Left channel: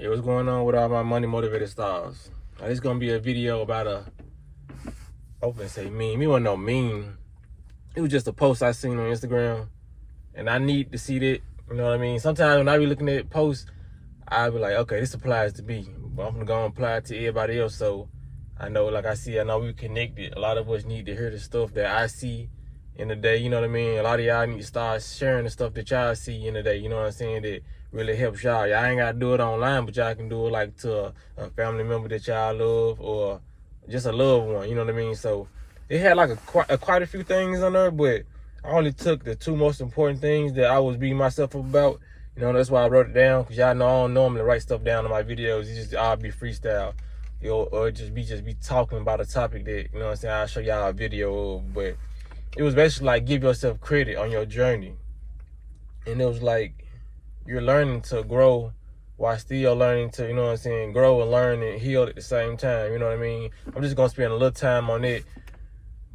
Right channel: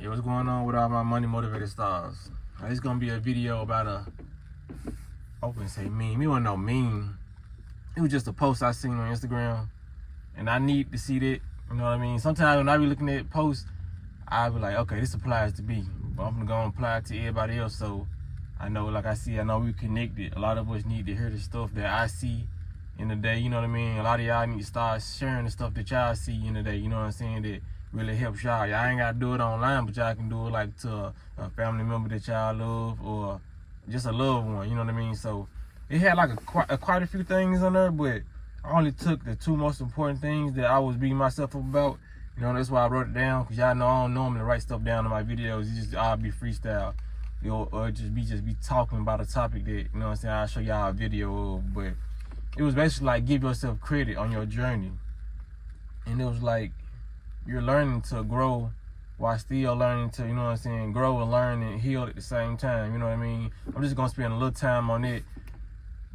Yeah, what's going on with all my money motivated stars? Now, this is gonna be a video about open say meme. You wanna know meme? It was just a post I seen on Instagram, and I need to see that. You know what I mean? Sometimes when I be looking at posts, I be like, okay, this applies to me, but I'm gonna go and apply it to everybody else. So I know, like I know we connected. A lot of us need to hear the stuff that I see in the day. You know what I mean? A lot of y'all need to start sharing the stuff that y'all see in the day. You know what I'm saying? That really helps y'all. Y'all ain't gotta do it online, but y'all can do it like to a family member that y'all love or just a loved one. You know what I mean? So it had like quite a few things on there, but I only took the two most important things that I was beating myself up about. You know, that's why I wrote it down, because y'all know I don't normally write stuff down in my videos. I'll be freestyle, you know, or just be talking about a topic that, you know what I'm saying, I'll show y'all a video of. But it was basically like, give yourself credit on your journey. And it was like, you're learning to grow while still learning to, you know what I'm saying, grow and learn and heal at the same time. You know what I mean? I'm just gonna spend a little time on it.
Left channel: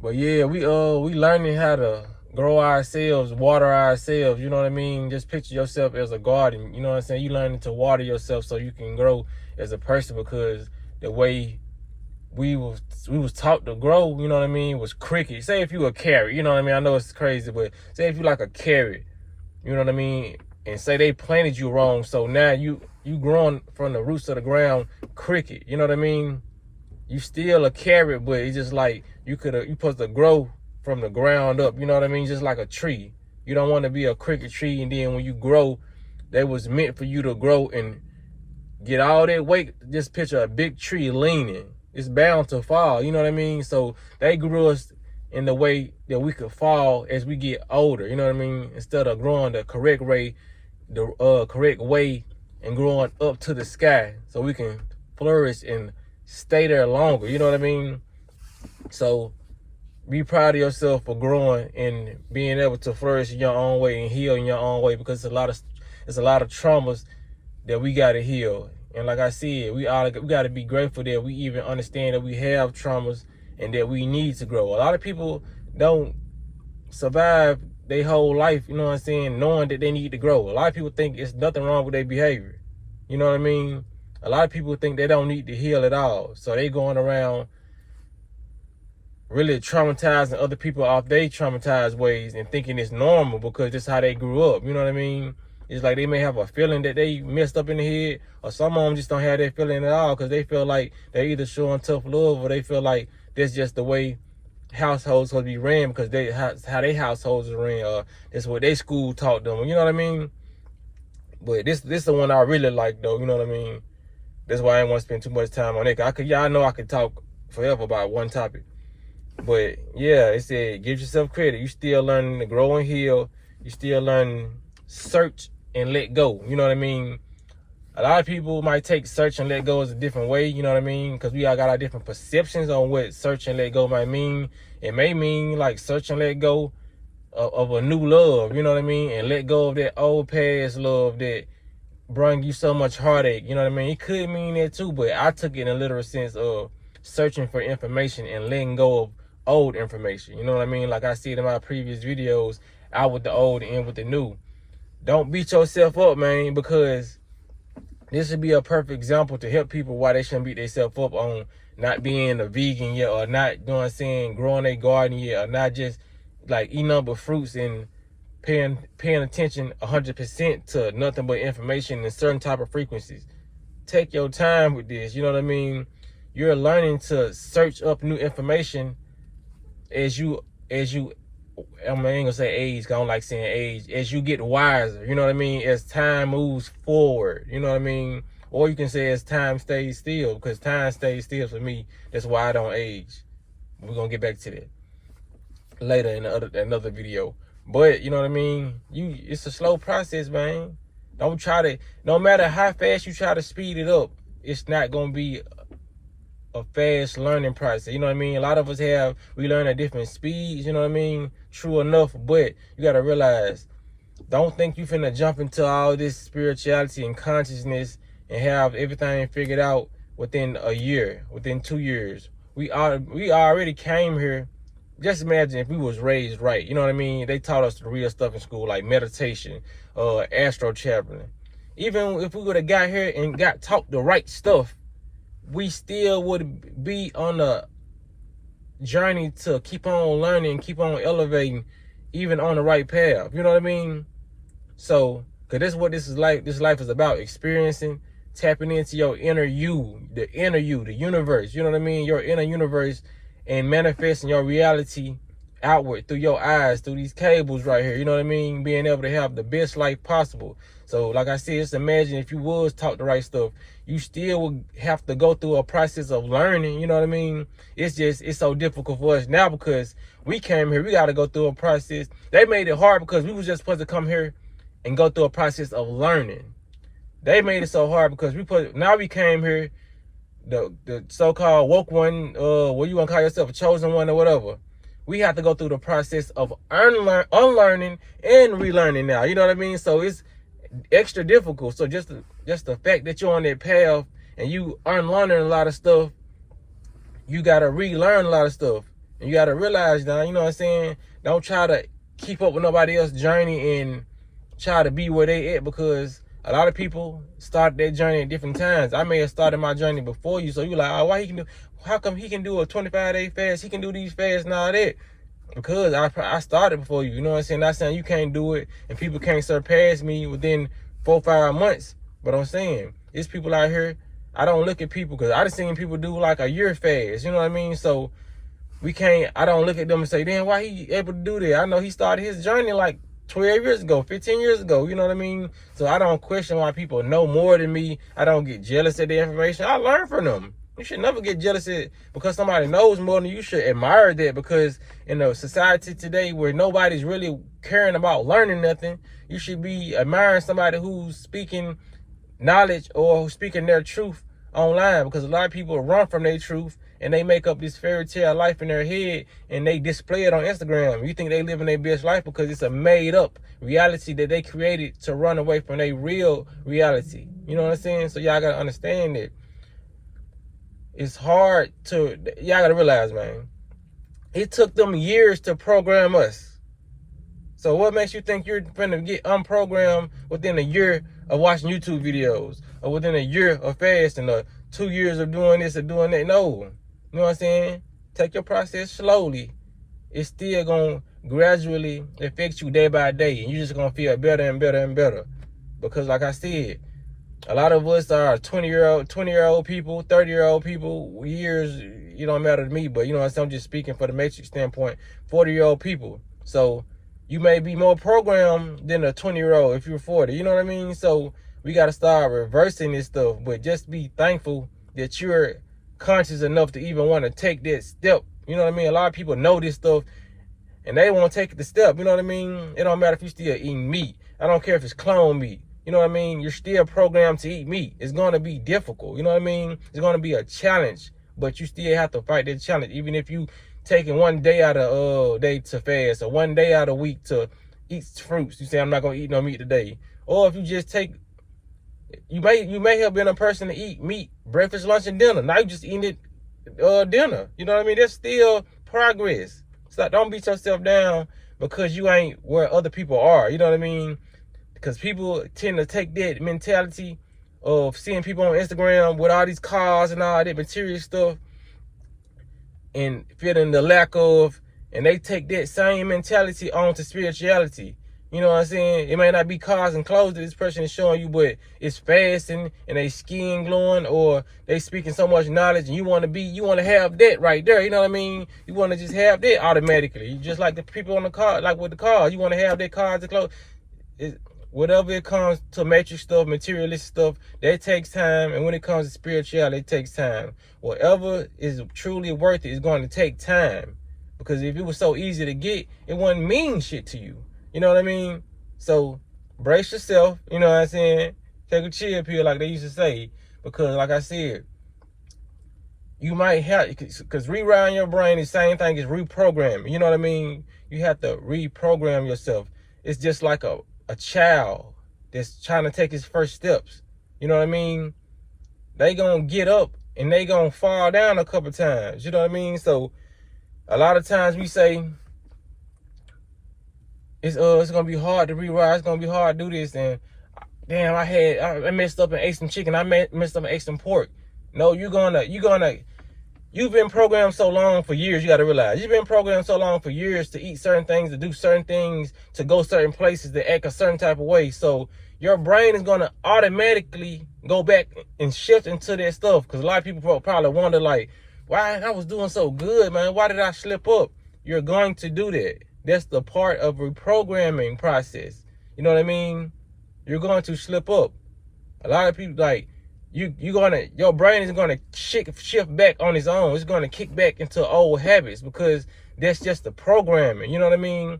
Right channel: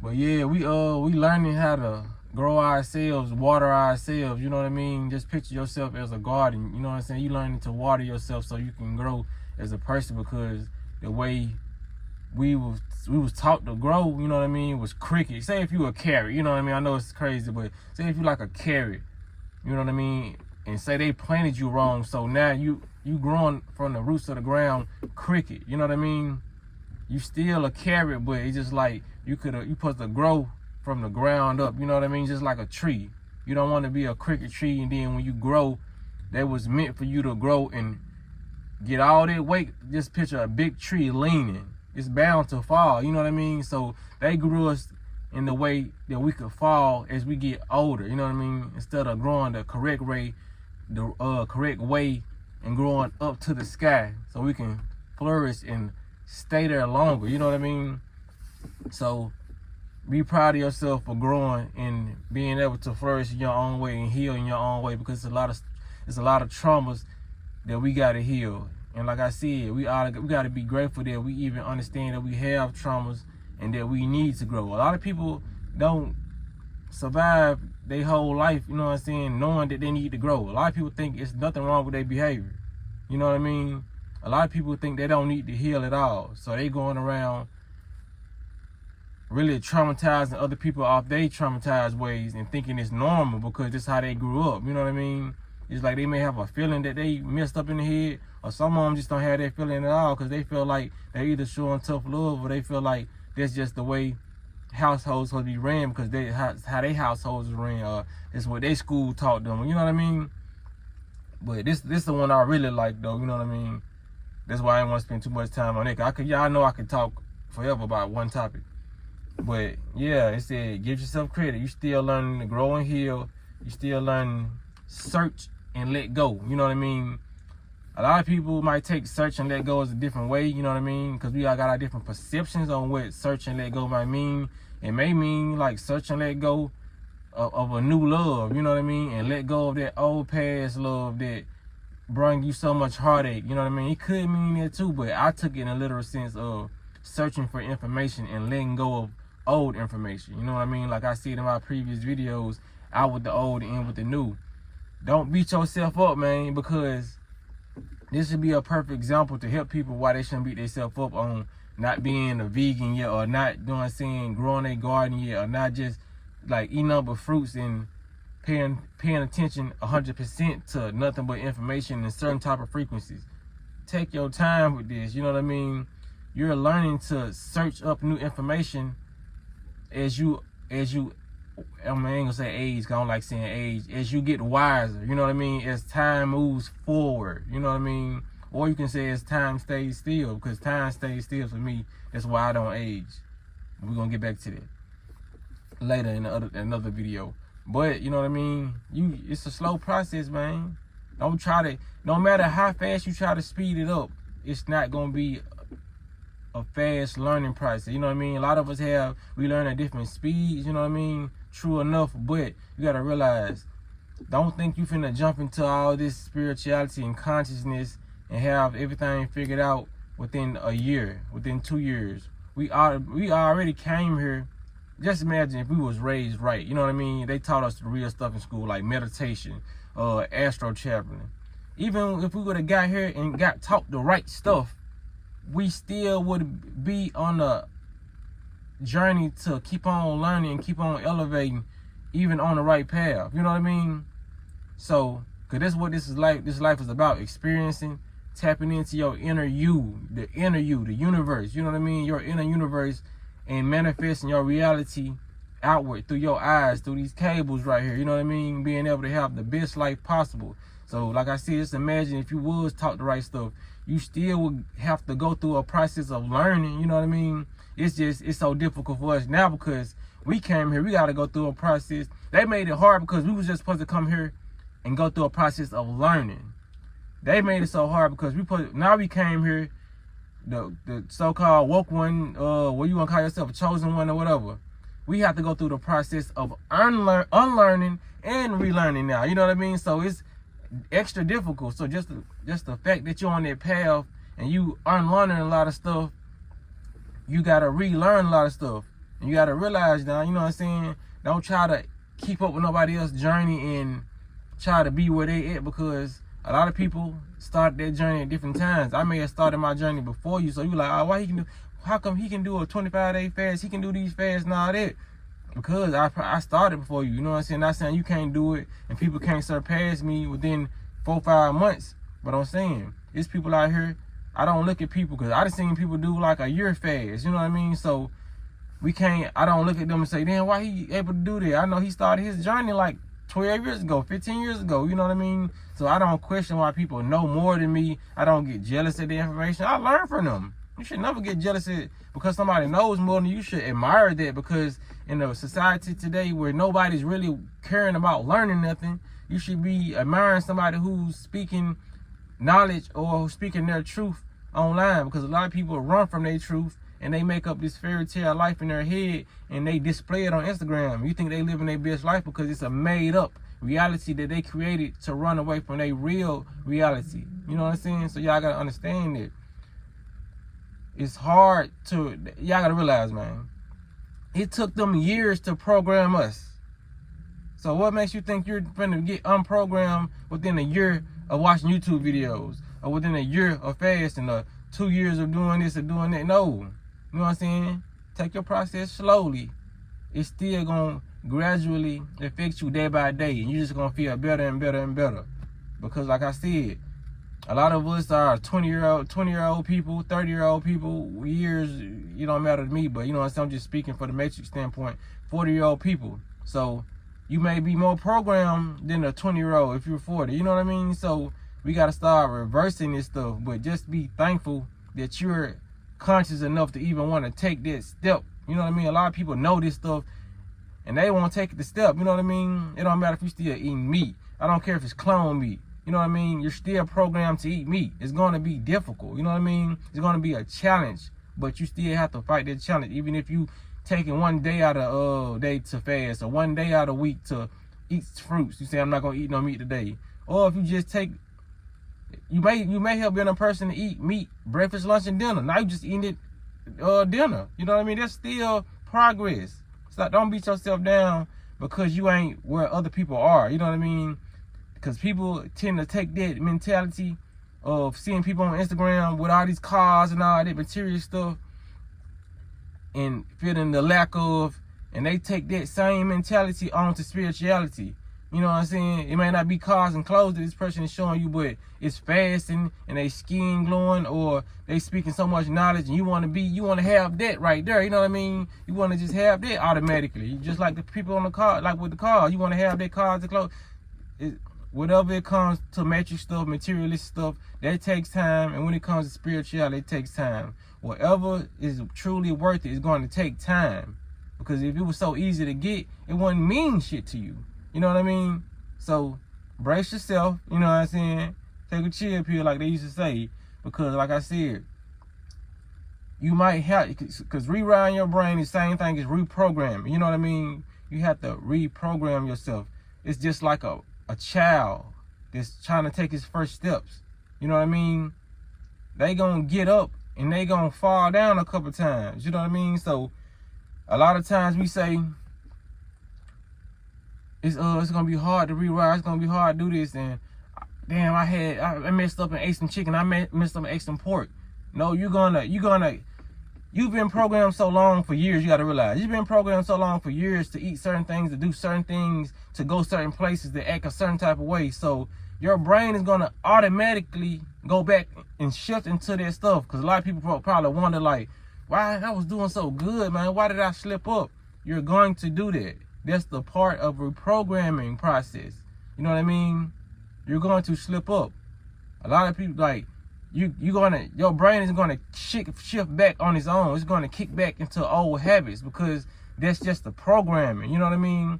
But yeah, we learning how to grow ourselves, water ourselves. You know what I mean? Just picture yourself as a garden. You know what I'm saying? You learning to water yourself so you can grow as a person, because the way we was taught to grow, you know what I mean, was cricket. Say if you were a carrot, you know what I mean? I know it's crazy, but say if you like a carrot, you know what I mean? And say they planted you wrong, so now you growing from the roots of the ground cricket. You know what I mean? You still a carrot, but it's just like you supposed to grow from the ground up. You know what I mean? Just like a tree. You don't want to be a cricket tree, and then when you grow, that was meant for you to grow and get all that weight. Just picture a big tree leaning. It's bound to fall. You know what I mean? So they grew us in the way that we could fall as we get older. You know what I mean? Instead of growing the correct way, and growing up to the sky, so we can flourish and stay there longer. You know what I mean? So be proud of yourself for growing and being able to flourish in your own way and heal in your own way, because it's a lot of traumas that we gotta heal. And like I said, we gotta be grateful that we even understand that we have traumas and that we need to grow. A lot of people don't survive their whole life, you know what I'm saying, knowing that they need to grow. A lot of people think it's nothing wrong with their behavior. You know what I mean? A lot of people think they don't need to heal at all. So they going around really traumatizing other people off their traumatized ways and thinking it's normal because that's how they grew up. You know what I mean? It's like they may have a feeling that they messed up in the head, or some of them just don't have that feeling at all because they feel like they're either showing tough love, or they feel like that's just the way households supposed to be ran, because how their households are ran, or that's what their school taught them. You know what I mean? But this the one I really like, though. You know what I mean? That's why I didn't want to spend too much time on it. I know I could talk forever about one topic. But yeah, it said, give yourself credit. You still learning to grow and heal. You still learning search and let go. You know what I mean? A lot of people might take search and let go as a different way. You know what I mean? Because we all got our different perceptions on what search and let go might mean. It may mean like search and let go of a new love. You know what I mean? And let go of that old past love that bring you so much heartache. You know what I mean? It could mean that too, but I took it in a literal sense of searching for information and letting go of old information. You know what I mean? Like I said in my previous videos, out with the old and in with the new. Don't beat yourself up, man, because this should be a perfect example to help people why they shouldn't beat themselves up on not being a vegan yet, or not, you know what I'm saying, growing a garden yet, or not just like eating up with fruits and paying attention 100% to nothing but information and certain type of frequencies. Take your time with this. You know what I mean? You're learning to search up new information as you I ain't gonna say age, 'cause I don't like saying age, as you get wiser. You know what I mean? As time moves forward, you know what I mean? Or you can say as time stays still, because time stays still for me. That's why I don't age. We're gonna get back to that later in another video. But you know what I mean? It's a slow process, man. No matter how fast you try to speed it up, it's not gonna be a fast learning process. You know what I mean? A lot of us we learn at different speeds, you know what I mean? True enough, but you gotta realize, don't think you finna jump into all this spirituality and consciousness and have everything figured out within a year, within 2 years. We already came here. Just imagine if we was raised right. You know what I mean? They taught us the real stuff in school, like meditation, astro channeling, even if we would have got here and got taught the right stuff, we still would be on a journey to keep on learning, keep on elevating, even on the right path. You know what I mean? So, cause this is what this life is about: experiencing, tapping into your inner you, the universe. You know what I mean? Your inner universe, and manifesting your reality outward through your eyes, through these cables right here. You know what I mean? Being able to have the best life possible. So, like I said, just imagine if you was taught the right stuff, you still would have to go through a process of learning. You know what I mean? It's so difficult for us now because we came here. We got to go through a process. They made it hard because we was just supposed to come here and go through a process of learning. They made it so hard because now we came here, the so-called woke one, what you want to call yourself, a chosen one or whatever. We have to go through the process of unlearning and relearning now. You know what I mean? So it's extra difficult. So just the fact that you're on that path and you unlearning a lot of stuff, you gotta relearn a lot of stuff. And you gotta realize now, you know what I'm saying? Don't try to keep up with nobody else's journey and try to be where they at, because a lot of people start their journey at different times. I may have started my journey before you, so you like, oh, how come he can do a 25-day fast? He can do these fasts and all that. Because I started before you, you know what I'm saying? Not saying you can't do it and people can't surpass me within 4 or 5 months. But I'm saying, it's people out here, I don't look at people, because I done seen people do like a year fast, you know what I mean? So I don't look at them and say, damn, why he able to do that? I know he started his journey like 12 years ago, 15 years ago, you know what I mean? So I don't question why people know more than me. I don't get jealous of the information. I learn from them. You should never get jealous because somebody knows more than you. Should admire that, because in a society today where nobody's really caring about learning nothing, you should be admiring somebody who's speaking knowledge or who's speaking their truth online, because a lot of people run from their truth and they make up this fairy tale life in their head and they display it on Instagram. You think they living their best life because it's a made up reality that they created to run away from their real reality. You know what I'm saying? So y'all gotta understand that. It's hard y'all gotta realize, man, it took them years to program us. So what makes you think you're gonna get unprogrammed within a year of watching YouTube videos, or within a year of fasting, or 2 years of doing this or doing that? No. You know what I'm saying? Take your process slowly. It's still gonna gradually affect you day by day, and you're just gonna feel better and better and better. Because like I said, a lot of us are 20-year-old people, 30-year-old people. Years, it don't matter to me, but you know what I'm saying? I'm just speaking for the matrix standpoint. 40-year-old people. So you may be more programmed than a 20-year-old if you're 40. You know what I mean? So we got to start reversing this stuff, but just be thankful that you're conscious enough to even want to take that step. You know what I mean? A lot of people know this stuff and they won't take the step. You know what I mean? It don't matter if you're still eating meat. I don't care if it's clone meat. You know what I mean? You're still programmed to eat meat. It's going to be difficult. You know what I mean? It's going to be a challenge, but you still have to fight that challenge. Even if you taking 1 day out of day to fast, or 1 day out of week to eat fruits. You say, I'm not going to eat no meat today. Or if you just you may have been a person to eat meat breakfast, lunch, and dinner. Now you just eating it dinner. You know what I mean? That's still progress. So don't beat yourself down because you ain't where other people are. You know what I mean? Because people tend to take that mentality of seeing people on Instagram with all these cars and all that material stuff and feeling the lack of, and they take that same mentality onto spirituality. You know what I'm saying? It may not be cars and clothes that this person is showing you, but it's fasting and they skin glowing, or they speaking so much knowledge, and you want to have that right there. You know what I mean? You want to just have that automatically. Just like the people on the car, like with the car, you want to have that cars and clothes. Whatever it comes to matrix stuff, materialistic stuff, that takes time. And when it comes to spirituality, it takes time. Whatever is truly worth it is going to take time. Because if it was so easy to get, it wouldn't mean shit to you. You know what I mean? So brace yourself, you know what I'm saying? Take a chill pill like they used to say. Because like I said, you might have, because rewiring your brain is the same thing as reprogramming. You know what I mean? You have to reprogram yourself. It's just like a child that's trying to take his first steps. You know what I mean? They gonna get up and they gonna fall down a couple times. You know what I mean? So a lot of times we say it's gonna be hard to rewire, it's gonna be hard to do this, and damn, I messed up and ate some chicken. I messed up and ate some pork. No, you've been programmed so long for years. You got to realize you've been programmed so long for years to eat certain things, to do certain things, to go certain places, to act a certain type of way. So your brain is gonna automatically go back and shift into that stuff. Because a lot of people probably wonder, like, why I was doing so good, man? Why did I slip up? You're going to do that. That's the part of reprogramming process. You know what I mean? You're going to slip up. A lot of people, like, your brain is gonna shift back on its own. It's gonna kick back into old habits because that's just the programming. You know what I mean?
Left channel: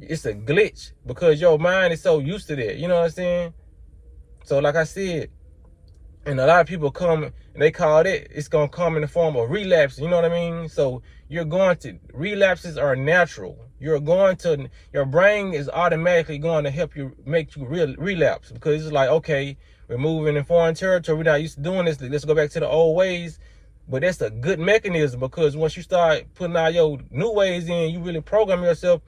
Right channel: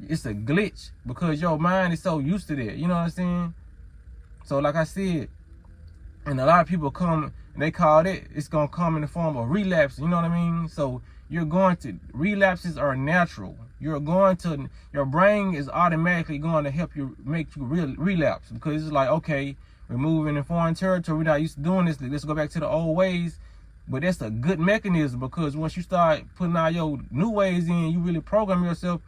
It's a glitch because your mind is so used to that. You know what I'm saying? So like I said, and a lot of people come and they call it's gonna come in the form of relapse. You know what I mean? So relapses are natural. Your brain is automatically going to help you make you relapse because it's like, okay, we're moving in foreign territory. We're not used to doing this. Let's go back to the old ways. But that's a good mechanism because once you start putting all your new ways in, you really program yourself.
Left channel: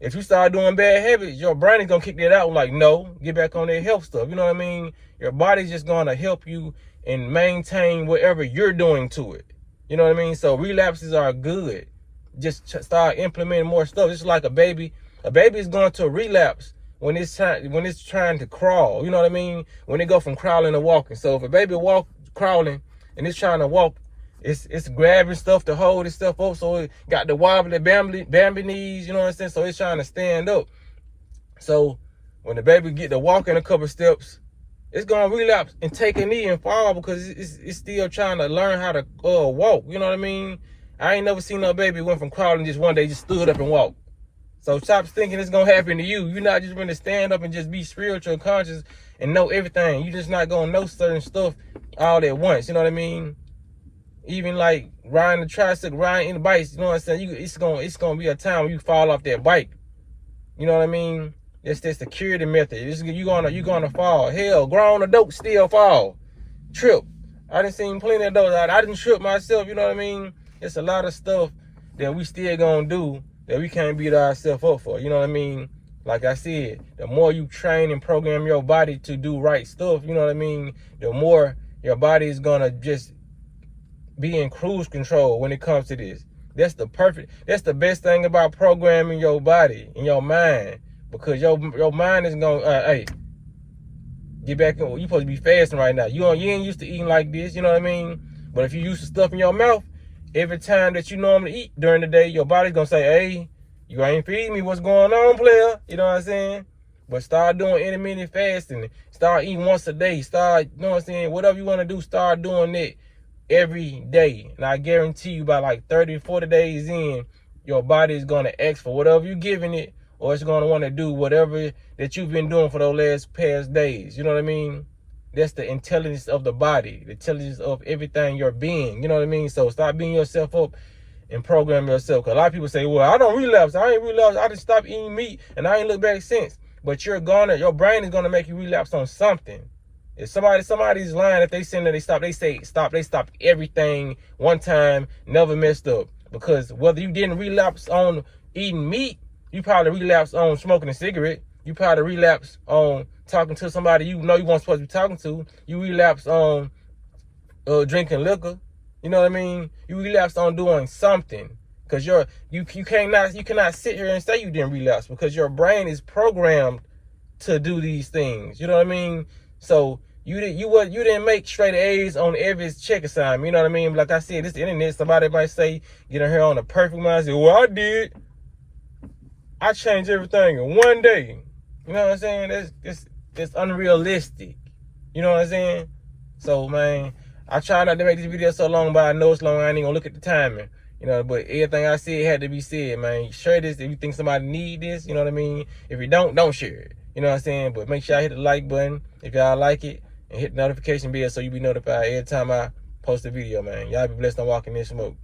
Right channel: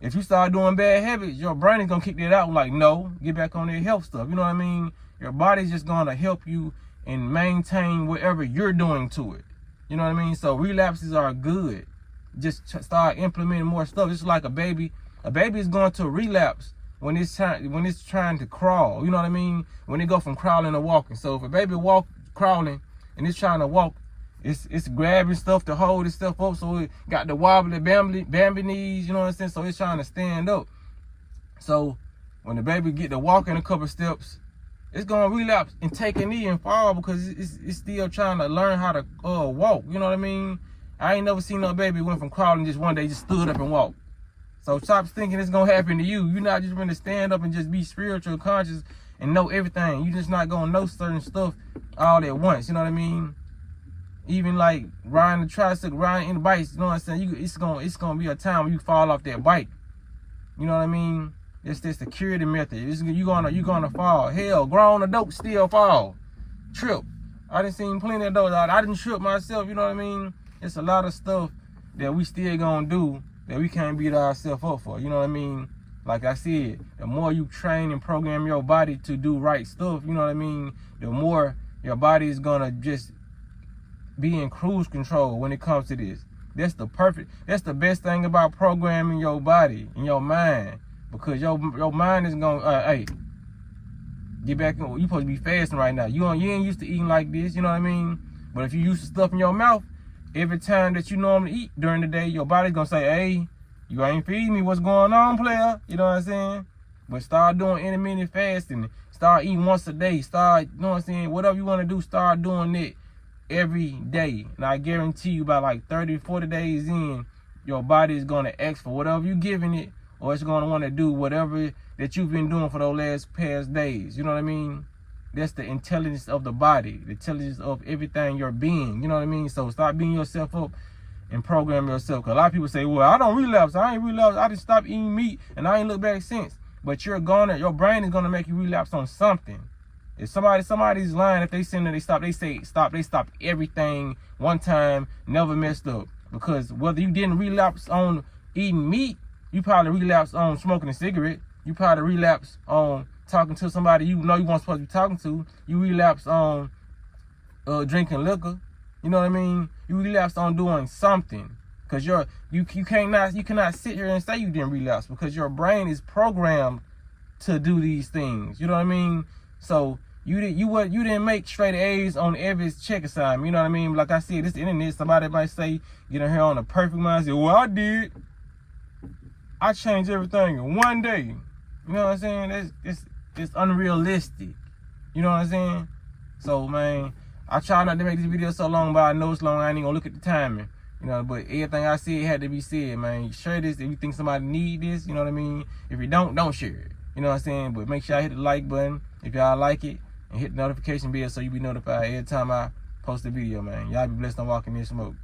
If you start doing bad habits, your brain is going to kick that out like, no, get back on that health stuff. You know what I mean? Your body's just going to help you and maintain whatever you're doing to it. You know what I mean? So relapses are good. Just start implementing more stuff. It's like a baby. A baby is going to relapse when it's trying to crawl. You know what I mean? When they go from crawling to walking. So if a baby crawling and it's trying to walk, it's grabbing stuff to hold its stuff up. So it got the wobbly Bambi knees, you know what I'm saying? So it's trying to stand up. So when the baby get to walking a couple steps, it's gonna relapse and take a knee and fall because it's still trying to learn how to walk. You know what I mean? I ain't never seen no baby went from crawling just one day just stood up and walked. So stop thinking it's gonna happen to you. You're not just gonna stand up and just be spiritual conscious and know everything. You're just not gonna know certain stuff all at once. You know what I mean? Even like riding the tricycle, riding the bikes. You know what I'm saying? It's gonna be a time when you fall off that bike. You know what I mean? That's the security method. You're gonna fall. Hell, grown adults still fall, trip. I done seen plenty of those. I didn't trip myself. You know what I mean? It's a lot of stuff that we still gonna do that we can't beat ourselves up for. You know what I mean? Like I said, the more you train and program your body to do right stuff, you know what I mean, the more your body is gonna just be in cruise control when it comes to this. That's the best thing about programming your body and your mind, because your mind is gonna, hey, get back in. You supposed to be fasting right now. You ain't used to eating like this, you know what I mean? But if you used to stuff in your mouth, every time that you normally eat during the day, your body's gonna say, hey, you ain't feeding me, what's going on, player? You know what I'm saying? But start doing intermittent fasting. Start eating once a day. Start, you know what I'm saying? Whatever you want to do, start doing it every day. And I guarantee you by like 30 to 40 days in, your body is gonna ask for whatever you're giving it, or it's gonna want to do whatever that you've been doing for those past days. You know what I mean? That's the intelligence of the body, the intelligence of everything you're being. You know what I mean? So stop beating yourself up and program yourself. Because a lot of people say, well, I don't relapse. I ain't relapse. I just stopped eating meat and I ain't looked back since. But your brain is going to make you relapse on something. If somebody's lying, if they say that they stopped everything one time, never messed up. Because whether you didn't relapse on eating meat, you probably relapsed on smoking a cigarette. You probably relapsed on talking to somebody you know you weren't supposed to be talking to. You relapse on drinking liquor. You know what I mean? You relapse on doing something. Because you cannot sit here and say you didn't relapse, because your brain is programmed to do these things. You know what I mean? So you didn't make straight A's on every check assignment. You know what I mean? Like I said, this internet, somebody might say, get in here on a perfect mind. I say, well, I did. I changed everything in one day. You know what I'm saying? It's unrealistic. You know what I'm saying? So, man, I try not to make this video so long, but I know it's long. I ain't gonna look at the timing. You know, but everything I said had to be said, man. Share this if you think somebody need this. You know what I mean? If you don't share it. You know what I'm saying? But make sure I hit the like button if y'all like it, and hit the notification bell so you be notified every time I post a video, man. Y'all be blessed on walking in smoke.